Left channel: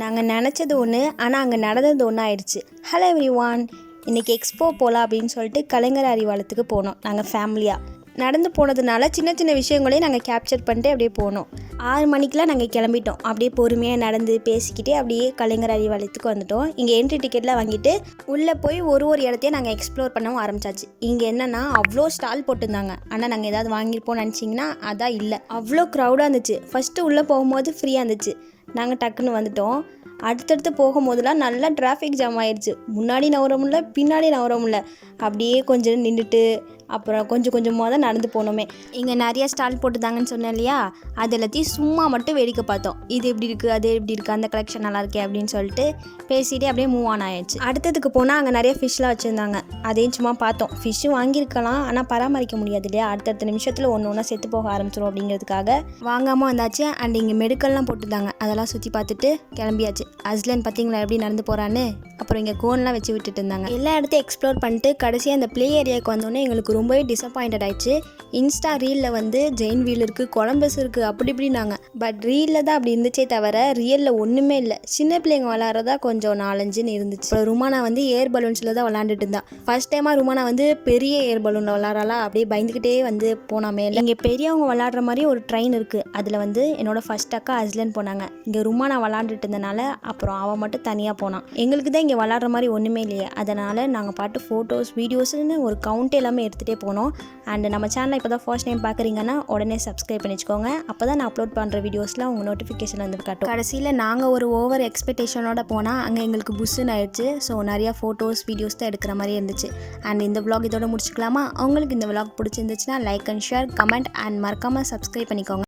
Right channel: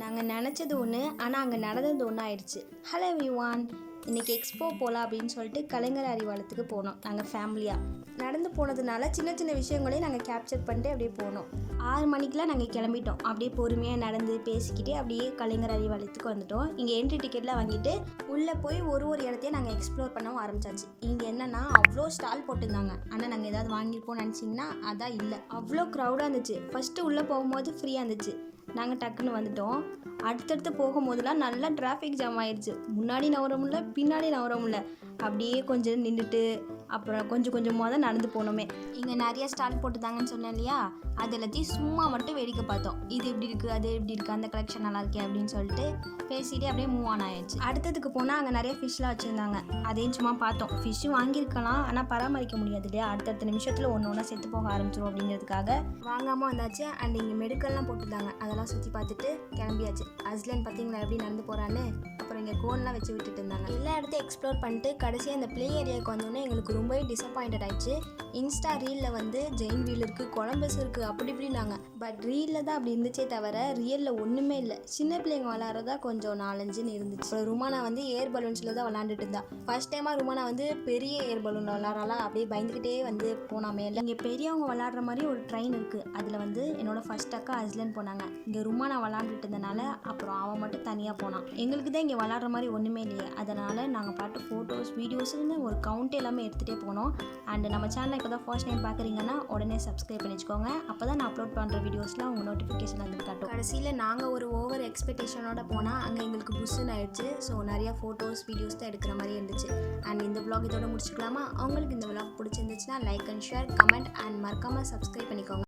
நாங்கள் நினச்சது ஒன்று, ஆனால் அங்கே நடந்தது ஒன்று ஆயிடுச்சு. ஹலோ எவ்ரிவான், இன்றைக்கி எக்ஸ்போ போகலாம் அப்படின்னு சொல்லிட்டு கலைஞர் அறிவாலயத்துக்கு போனோம். நாங்கள் ஃபேமிலியாக நடந்து போனதுனால சின்ன சின்ன விஷயங்களையும் நாங்கள் கேப்சர் பண்ணிட்டு அப்படியே போனோம். 6 மணிக்கெலாம் நாங்கள் கிளம்பிட்டோம். அப்படியே பொறுமையாக நடந்து பேசிக்கிட்டே அப்படியே கலைஞர் அறிவாலயத்துக்கு வந்துட்டோம். இங்கே என்ட்ரி டிக்கெட்லாம் வாங்கிட்டு உள்ளே போய் ஒரு இடத்தையும் நாங்கள் எக்ஸ்ப்ளோர் பண்ணவும் ஆரம்பிச்சாச்சு. இங்கே என்னென்னா அவ்வளோ ஸ்டால் போட்டிருந்தாங்க. ஆனால் நாங்கள் ஏதாவது வாங்கியிருப்போம்னு நினச்சிங்கன்னா அதான் இல்லை. அவ்வளோ க்ரௌடாக இருந்துச்சு. ஃபஸ்ட்டு உள்ளே போகும்போது ஃப்ரீயாக இருந்துச்சு. நாங்கள் டக்குன்னு வந்துட்டோம். அடுத்தடுத்து போகும்போதெல்லாம் நல்லா டிராஃபிக் ஜாம் ஆயிடுச்சு. முன்னாடி நவர முடியல, பின்னாடி நவர முடியல. அப்படியே கொஞ்சம் நின்றுட்டு அப்புறம் கொஞ்சம் கொஞ்சமாக தான் நடந்து போனோமே. இங்கே நிறைய ஸ்டால் போட்டுதாங்கன்னு சொன்னேன் இல்லையா, அது எல்லாத்தையும் சும்மா மட்டும் வேடிக்கை பார்த்தோம். இது எப்படி இருக்குது, அது எப்படி இருக்குது, அந்த கலெக்ஷன் நல்லா இருக்கே அப்படின்னு சொல்லிட்டு பேசிகிட்டே அப்படியே மூவ் ஆன் ஆயிடுச்சு. அடுத்ததுக்கு போனால் அங்கே நிறைய ஃபிஷ்லாம் வச்சுருந்தாங்க. அதையும் சும்மா பார்த்தோம். ஃபிஷ்ஷும் வாங்கியிருக்கலாம், ஆனால் பராமரிக்க முடியாது இல்லையா, அடுத்தடுத்த நிமிஷத்தில் ஒன்று ஒன்றா செத்து போக ஆரம்பிச்சிடும் அப்படிங்கிறதுக்காக வாங்காமல் வந்தாச்சு. அண்ட் இங்கே மெடிக்கல்லாம் போட்டுருந்தாங்க. அதெல்லாம் சுற்றி பார்த்துட்டு கிளம்பியாச்சு. அஸ்லன் பார்த்தீங்களா எப்படி நடந்து போகிறான்னு. அப்புறம் இங்கே கோன்லாம் வச்சு விட்டுட்டு இருந்தாங்க. எல்லா இடத்தையும் எக்ஸ்ப்ளோர் பண்ணிட்டு கடைசியாக அந்த ப்ளே ஏரியாவுக்கு வந்தோடனே எங்களுக்கு ரொம்பவே டிசப்பாயிண்டட் ஆயிடுச்சு. இன்ஸ்டா ரீலில் வந்து ஜெயின் வீல் இருக்குது, கொலம்பஸ் இருக்குது, அப்படி இப்படின்னாங்க. பட் ரீலில் தான் அப்படி இருந்துச்சே தவிர ரியலில் ஒன்றுமே இல்லை. சின்ன பிள்ளைங்க விளாட்றதா கொஞ்சம் 4-5 இருந்துச்சு. அப்புறம் ருமானா வந்து ஏர் பலூன்ஸில் தான் விளாண்டுட்டு இருந்தான். ஃபர்ஸ்ட் டைமாக ருமானா வந்து பெரிய ஏர் பலூனில் விளாட்றாளா, அப்படியே பயந்துக்கிட்டே வந்து போனாமே. இங்கே பெரியவங்க விளாட்ற மாதிரி ஒரு ட்ரெயின் இருக்குது. அதில் வந்து என்னோட ஃபர்ஸ்ட் அக்கா அஸ்லன் போனாங்க. இங்கே ருமானா விளாண்டுட்டு இருந்தனால அப்புறம் அவன் மட்டும் தனியாக போனான். எங்களுக்கு தான் இங்கே விளாட்ற மாதிரி ஒன்றுமே இல்லையே. அதனால் நாங்கள் பாட்டு ஃபோட்டோஸ் வீடியோஸ்னு ஒரு கவுண்ட் எல்லாமே எடுத்துகிட்டே போனோம். அண்ட் நம்ம சேனலை இப்போ தான் ஃபர்ஸ்ட் டைம் பார்க்குறீங்கன்னா உடனே சப்ஸ்கிரைப் பண்ணிச்சுக்கோங்க. அப்போ தான் நான் அப்லோட் பண்ணுற வீடியோஸ்லாம் உங்கள் நோட்டிஃபிகேஷன் வந்து காட்டும். கடைசியில் நாங்கள் ஒரு ஓவர் எக்ஸ்பெக்டேஷனோட போனால் அங்கே எங்களுக்கு புஷ்ஷுன்னு ஆயிடுச்சு. ஸோ நிறையா ஃபோட்டோஸ் வீடியோஸ் தான் எடுக்கிற மாதிரி இருந்துச்சு. அண்ட் இந்த vlog இதோட முடிச்சுக்கலாமா? உங்களுக்கு இந்த vlog பிடிச்சிருந்துச்சுன்னா like and share, comment and மறக்காமல் சப்ஸ்கிரைப் பண்ணிக்கோங்க.